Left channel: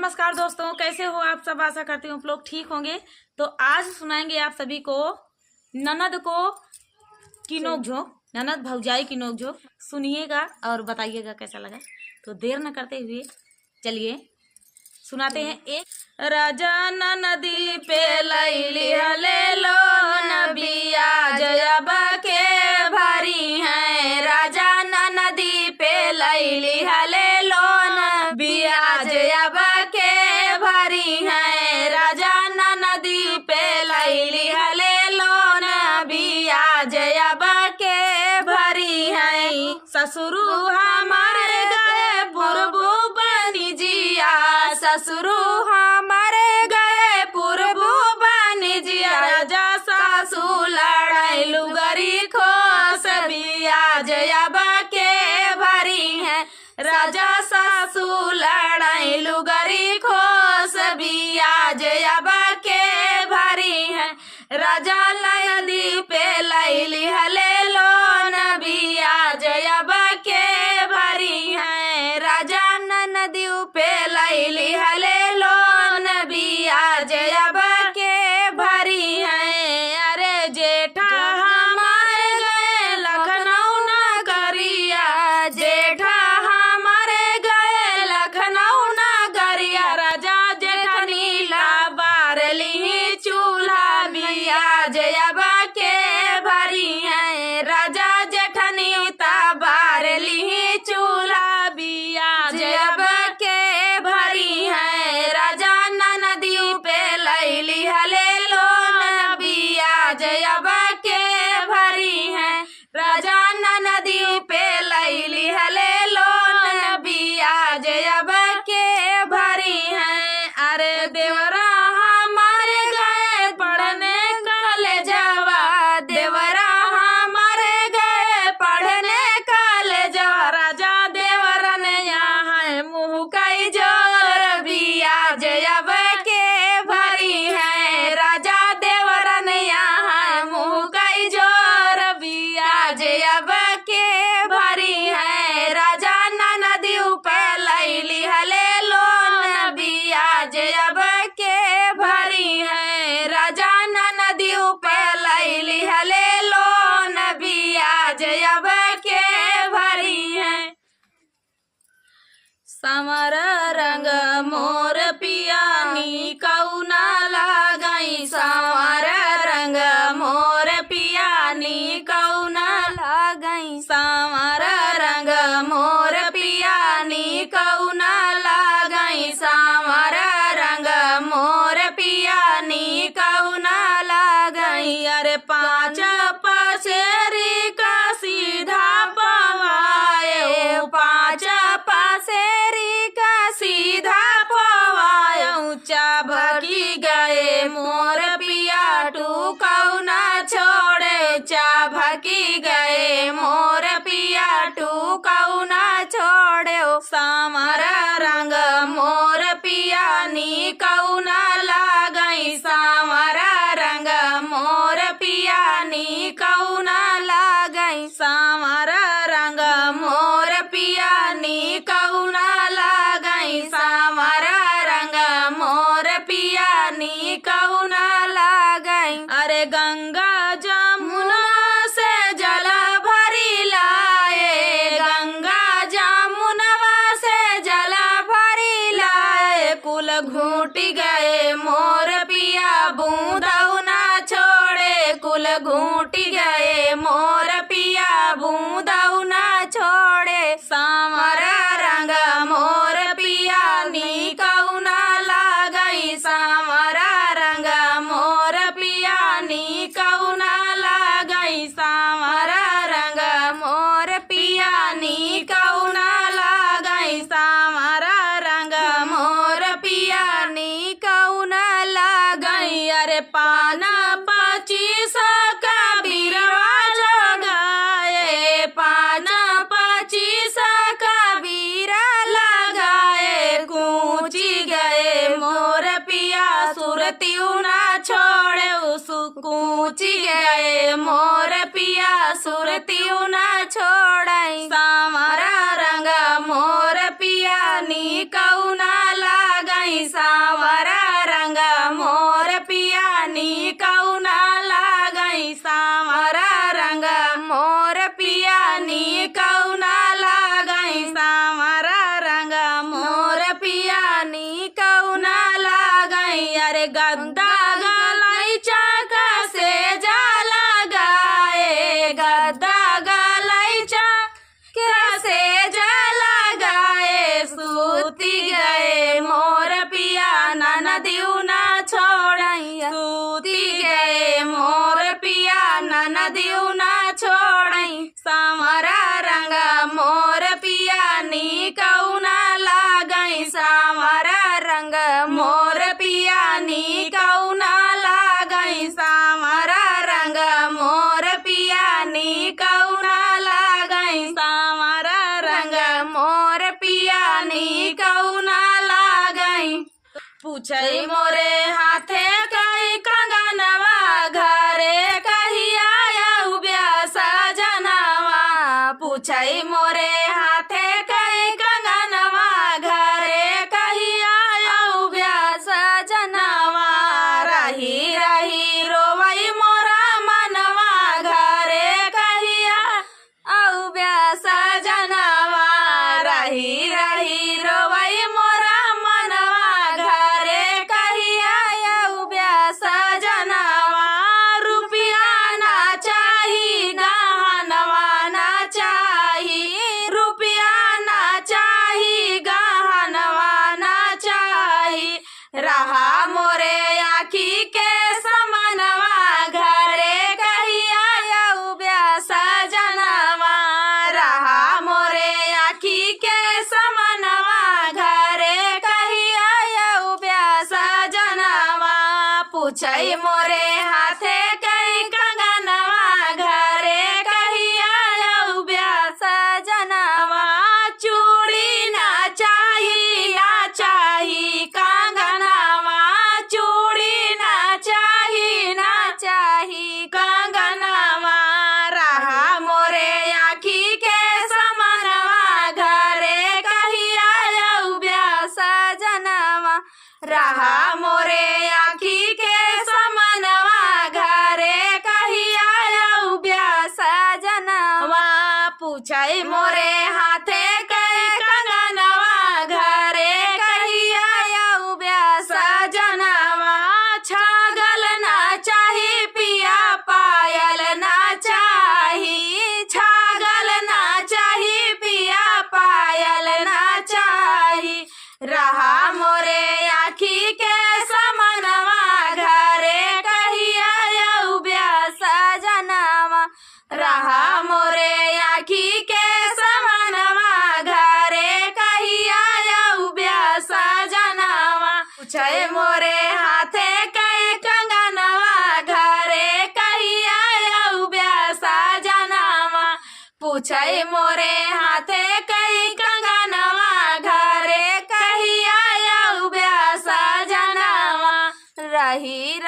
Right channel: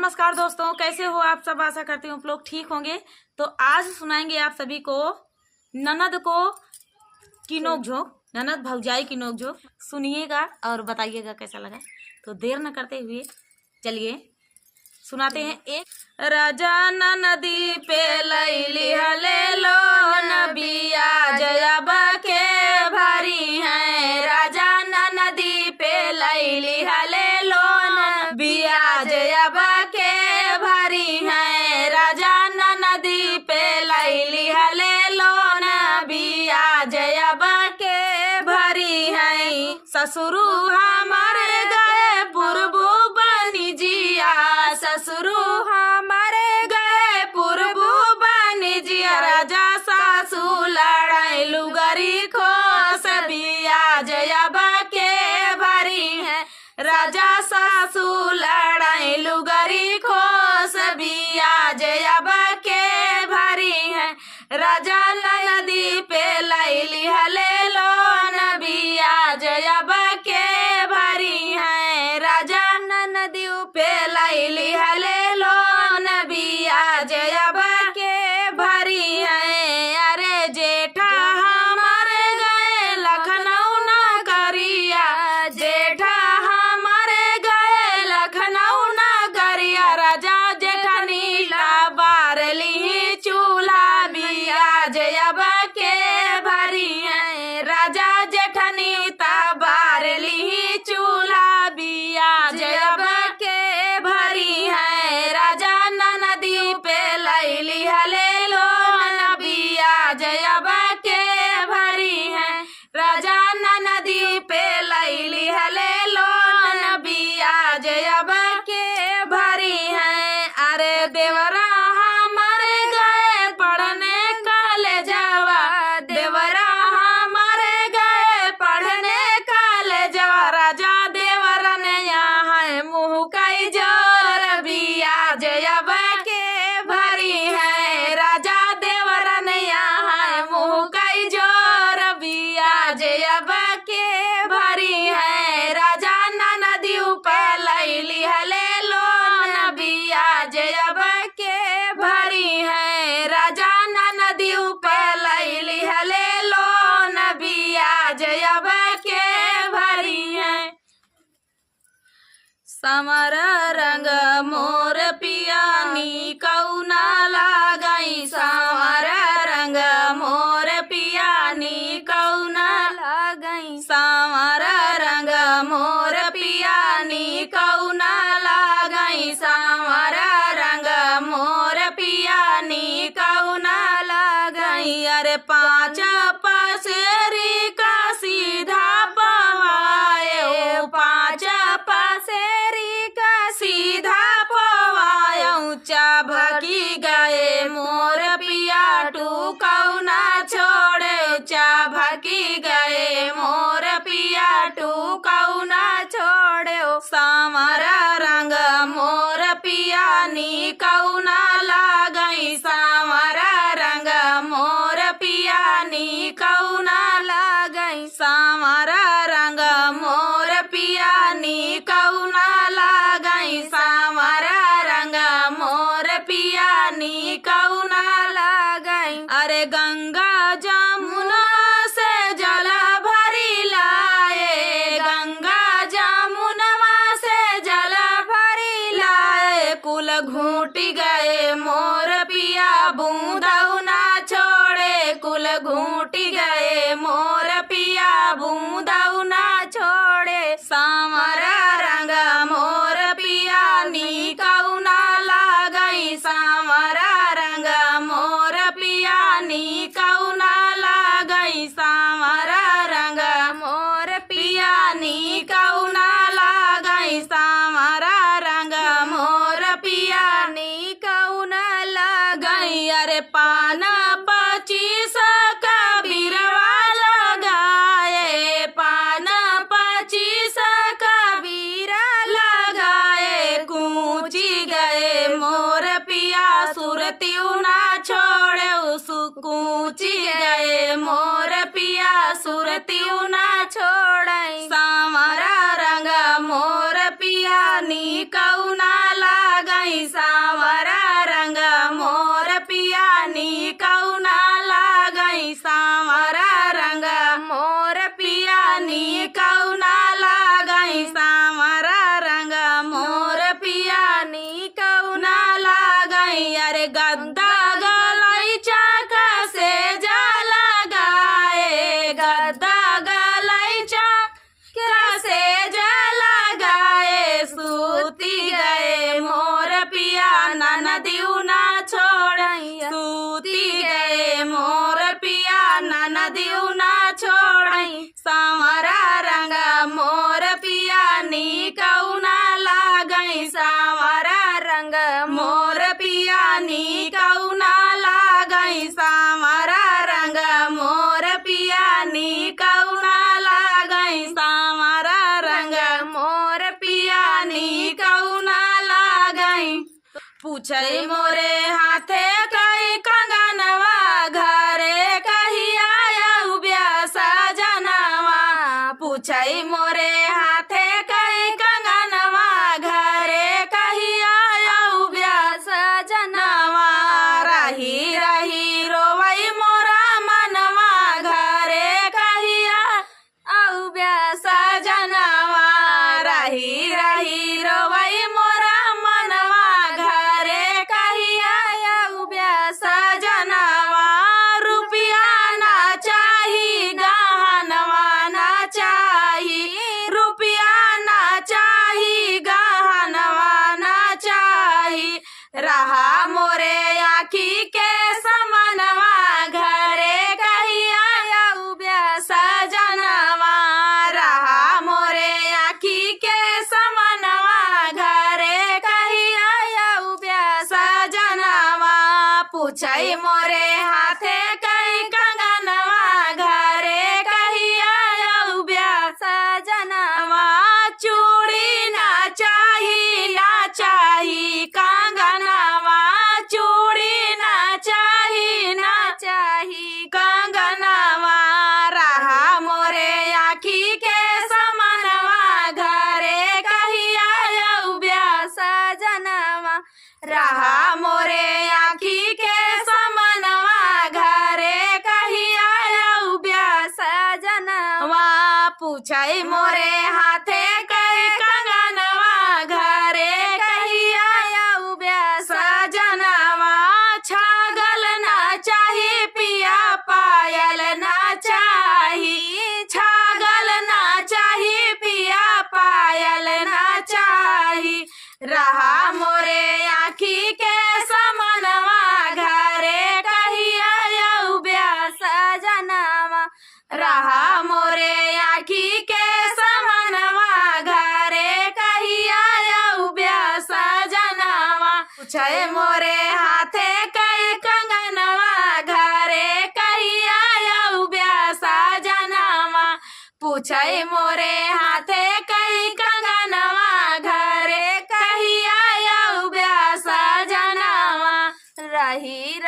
नमस्कार दोस्तों, कैसे हो आप सब। आशा करती हूँ आप लोग ठीक होंगे। तो आज सुनाएंगे आप सभी को ननद को की नोक झोंक, ननद भौजाई की नोक झोंक। सुनिएगा और बताइएगा कैसा लगा। तो देर न करते हुए चलिए सुनाते हैं। एक राजा नदी पे लैली ले लो नबिया जयबा के भारी है। राजा नदी पे लैली ले लो नबिया जयबा के भारी है। राजा नदी पे लैली ले लो नबिया जयबा के भारी है। ससुरु हमारे गए पूर्व बनी जिया, ससुरु हमारे गए पूर्व बनी जिया। राजा सासू लड़ाई लुगरी खोस बिया जयबा के भारी है। राजा सासू लड़ाई लुगरी खोस बिया जयबा के भारी है। राजा नदी पे लैली ले लो नबिया जयबा के भारी है। राजा नदी पे लैली ले लो नबिया जयबा के भारी है। अरे जेठा हमारे गए लखनऊ न करिया, जेठा हमारे गए लखनऊ न करिया। राजा जेठनी ला बारली चूल्हा बिया जयबा के भारी है। राजा जेठनी ता बारली चूल्हा बिया जयबा के भारी है। राजा नदी पे लैली ले लो नबिया जयबा के भारी है। राजा नदी पे लैली ले लो नबिया जयबा के भारी है। अरे देवरा हमारे गए पढ़ने कॉलेजवा, देवरा हमारे गए पढ़ने कॉलेजवा। राजा देवरन यहाँ है मुँह कई जोर बिया जयबा के भारी है। राजा देवरन यहाँ मुँह कई जोर बिया जयबा के भारी है। राजा नदी पे लैली ले लो नबिया जयबा के भारी है। राजा नदी पे लैली ले लो नबिया जयबा के भारी है। समर रंग मोर पियानी कौना लगाई, समर रंग मोर पियानी कौना लगाई, समर रंग मोर पियानी कौना लगाई, समर रंग मोर पियानी कौना लगाई। अरे पाँच पसेरी का सीधा पवाए, ओ पाँच पसेरी का सीधा पवाए। ऊंचा भगी गए मोर पिया टू कौना छोड़े, ऊंचा भगी गए मोर पिया टू कौना छोड़े। समर रंग मोर पियानी कौना लगाई, समर रंग मोर पियानी कौना लगाई, समर रंग मोर पियानी कौना लगाई, समर रंग मोर पियानी कौना लगाई। अरे गंगा जमुना से जल भरी लाए, गंगा जमुनवा से जल भरी लाए। कुल घूटी गए मोर पिया बूंदऊ ना छोड़े, कुल घूटी गए मोर पिया बूंदऊ ना छोड़े। समर रंग मोर पियानी कौना लगाई, समर रंग मोर पियानी कौना लगाई, समर रंग मोर पियानी कौना लगाई, समर रंग मोर पियानी कौना लगाई। अरे पान 25 का बिरवा लगाए, पान 25 का बीरा लगाए। कूची गए मोर पिया सुरती ना छोड़े, उस कूची गए मोर पिया सुरती ना छोड़े। समर रंग मोर पियानी कौना लगा लागई सावरा रंग मोर पिया नी कौना लागई सावरा रंग मोर पिया नी कौना लागई सावरा रंग मोर पिया नी कौना लागई अरे गद्दा गलाई चाका से जा लगाए गद्दा गलाई चाका से जा लगाए सूती गए मोर पिया ननदिउ ना छोड़ई सूती गए मोर पिया ननदिउ ना छोड़ई सावरा रंग मोर पिया नी कौना लागई सावरा रंग मोर पिया नी कौना लागई सावरा रंग मोर पिया नी कौना लागई सावरा रंग मोर पिया नी कौना लागई पूछई मोरे हाथे कई कंगनवा घरे कहिया आयु ब्यासा जनवा पूछई मोरे हाथे कई कंगनवा घरे कहिया आयु ब्यासा जनवा रही रही रोवई मोरा मनवा घरे कहिया आयु ब्यासा जनवा रही रही रोवई मोरा मनवा घरे कहिया आयु ब्यासा जनवा रुपया ना चाही गहनवा ना चाही रुपया ना चाही गहनवा ना चाही रहा मोरे आखी के समनवा घरे कहिया आयु ब्यासा जनवा रहा मोरे आखी के समनवा घरे कहिया आयु ब्यासा जनवा पूछई मोरे हाथे कई कंगनवा घरे कहिया आयु ब्यासा जनवा चूड़ी ना चाही कंगनवा चूड़ी ना चाही कंगनवा रहा मोरे आखी के समनवा घरे कहिया आयु ब्यासा जनवा रहा मोरे आखी के समनवा घरे कहिया आयु ब्यासा जनवा पूछई मोरे हाथे कई कंगनवा घरे कहिया आयु ब्यासा जनवा छागल ना चाही पिया पायल ना चाही छागल ना चाही पिया पायल ना चाही रहा मोरे आखी के समनवा घरे कहिया आयु ब्यासा जनवा रहा मोरे आखी के समनवा घरे कहिया आयु ब्यासा जनवा पूछे मोरे हाथे कई कंगनवा घरे कहिया आयु ब्यासा जनवा पूछई मोरे हाथे कई कंगनवा घरे कहिया आयु ब्यासा जनवा रही